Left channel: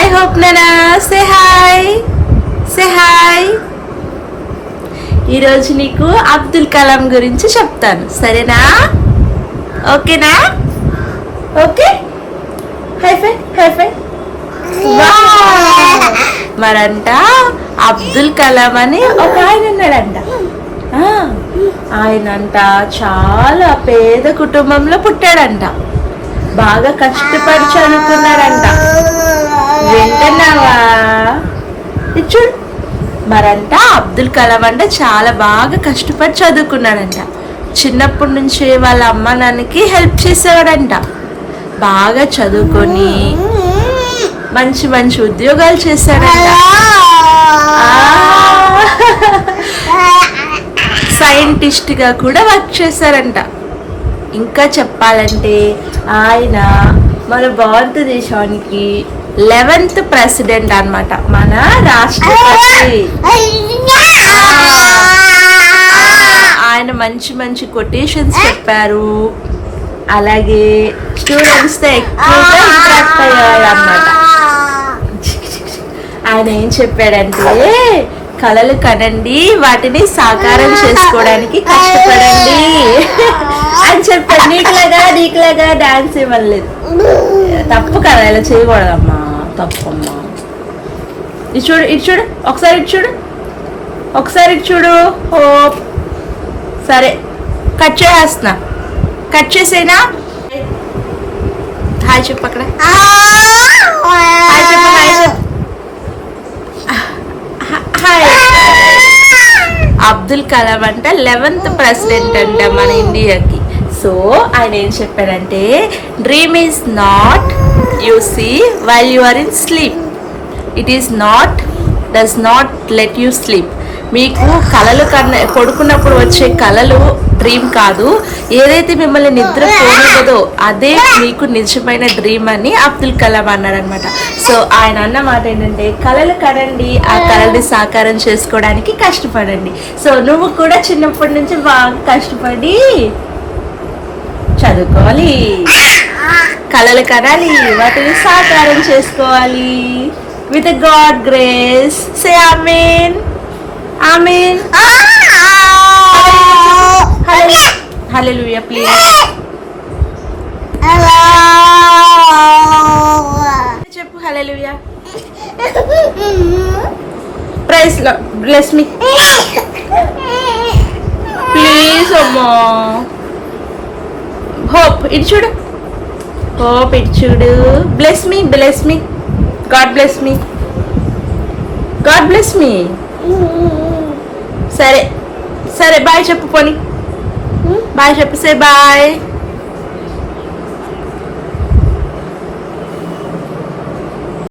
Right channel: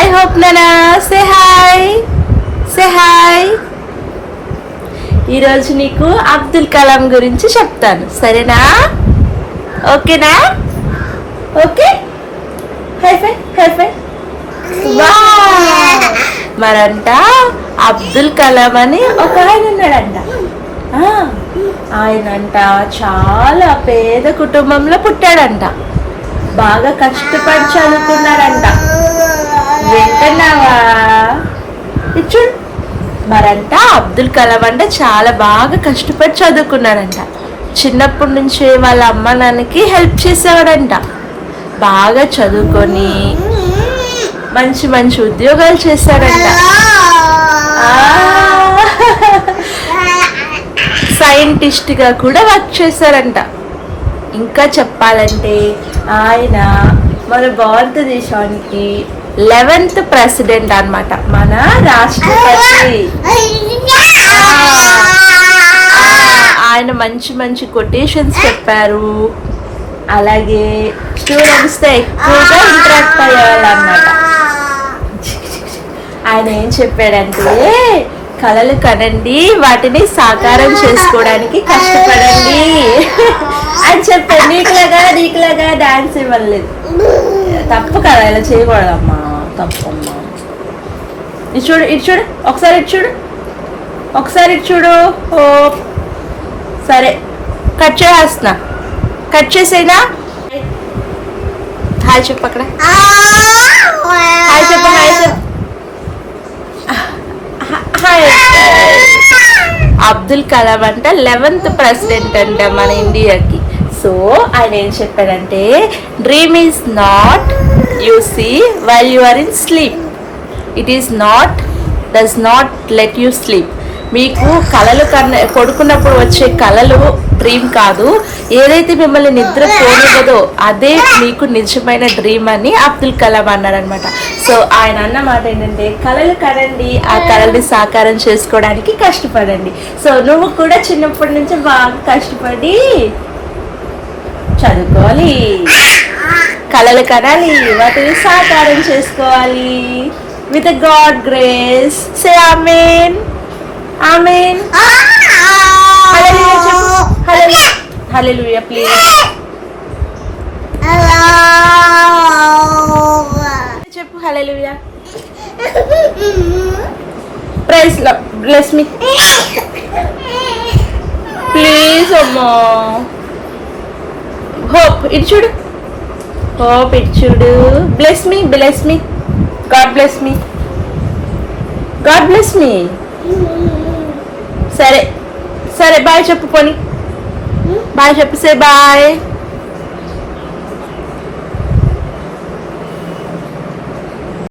Hi hope నానా, say hi, say hi. ఈరోజు నీకు అబ్దుల్ కలాం గురించి చెప్తాను, సరేనా? ఓకేనా? ఓకే, హై ఫై, హై ఫై. మరంట అబ్దుల్ కలాం అని ఒక ఆయన ఉన్నాడంట. ఆయనంట చాలా పేద కుటుంబంలో పుట్టాడంట. బాగా కష్టపడి చదువుకున్నాడంట. వింటున్నావా? చూడు. మరంట అబ్దుల్ కలాం అంటే చాలా బాగా కష్టపడి చదువుకున్నాడంట. చిన్నప్పటి నుంచి వాళ్ళ అమ్మ నాన్నకి హెల్ప్ చేసేవాడంట. బాగా చదువుకొని మంచి మంచి ఉద్యోగాలు చేశాడంట. సైంటిస్ట్గా కూడా వర్క్ చేశారంట. ఇంకా చెప్పాలంటే ఆయన మన భారతదేశానికి 11th ప్రెసిడెంట్ అన్నమాట, మన రాష్ట్రపతి. ఆయన మంచి మంచి కొటేషన్స్ చెప్పారు. అలాగే స్టూడెంట్స్తో ఎక్కువగా ఇంటరాక్ట్ అయ్యేవాళ్ళు అన్నమాట. ఆయన ఏం చెప్పాడంటే, కలలు కనండి, వాటిని సాకారం చేసుకోవడానికి కష్టపడండి అని చెప్పాడు. నీకులాగా డాన్స్ ఇవ్వలేదు, తప్పు కదా, ఇలా చేయకూడదమ్మా, తప్పమ్మా. ఇటు చూడు, ఇటు చూడు, ఒకసారి ఇటు చూడు, ఒకసారి ఇటు చూడు. ఓ సరే, కట్ చేస్తున్నా, కట్ చేసేనా? హాయ్ చెప్పు, అక్కడ హాయ్ చెప్పు, హాయ్ చెప్పు. అబ్దుల్ కలాం అంటే 11th ప్రెసిడెంట్ అంట మన ఇండియాకి. సో ఆయన ఏం చెప్పాడంటే, dream is not you see while you are in sleep, it is not does not let you sleep. మీకు కలలు పడుకున్నప్పుడు వచ్చే కలలు డ్రీమ్ కాదు, ఏదైతే మిమ్మల్ని నిద్ర పోనివ్వదో అదే మీకు నిజమైన డ్రీమ్ అని అబ్దుల్ కలాం అన్నారనమాట. సో ఆయన అన్న మాట ఏంటంటే, కలలు కనండి, ఆ కలల్ని సాకారం చేసుకోవడానికి కష్టపడండి. సో నువ్వు కూడా చిన్నప్పటి నుంచి బాగా కష్టపడి చదువుకోవాలి, కలలు కనాలి, వాటిని సాకారం చేసుకోవాలి. With God grace. Say amen, amen. Hallelujah please. చెప్పు హల్లెలూయా. Praise lord, bless me please అమ్మా. హోప్ ఇటు చూడు, హోప్ ఇటు చూడు. Bless me, bless me, God bless me, God bless me. సరే సరే, బాయ్ చెప్పు, పోనీ బాయ్ చెప్పు, సే బాయ్.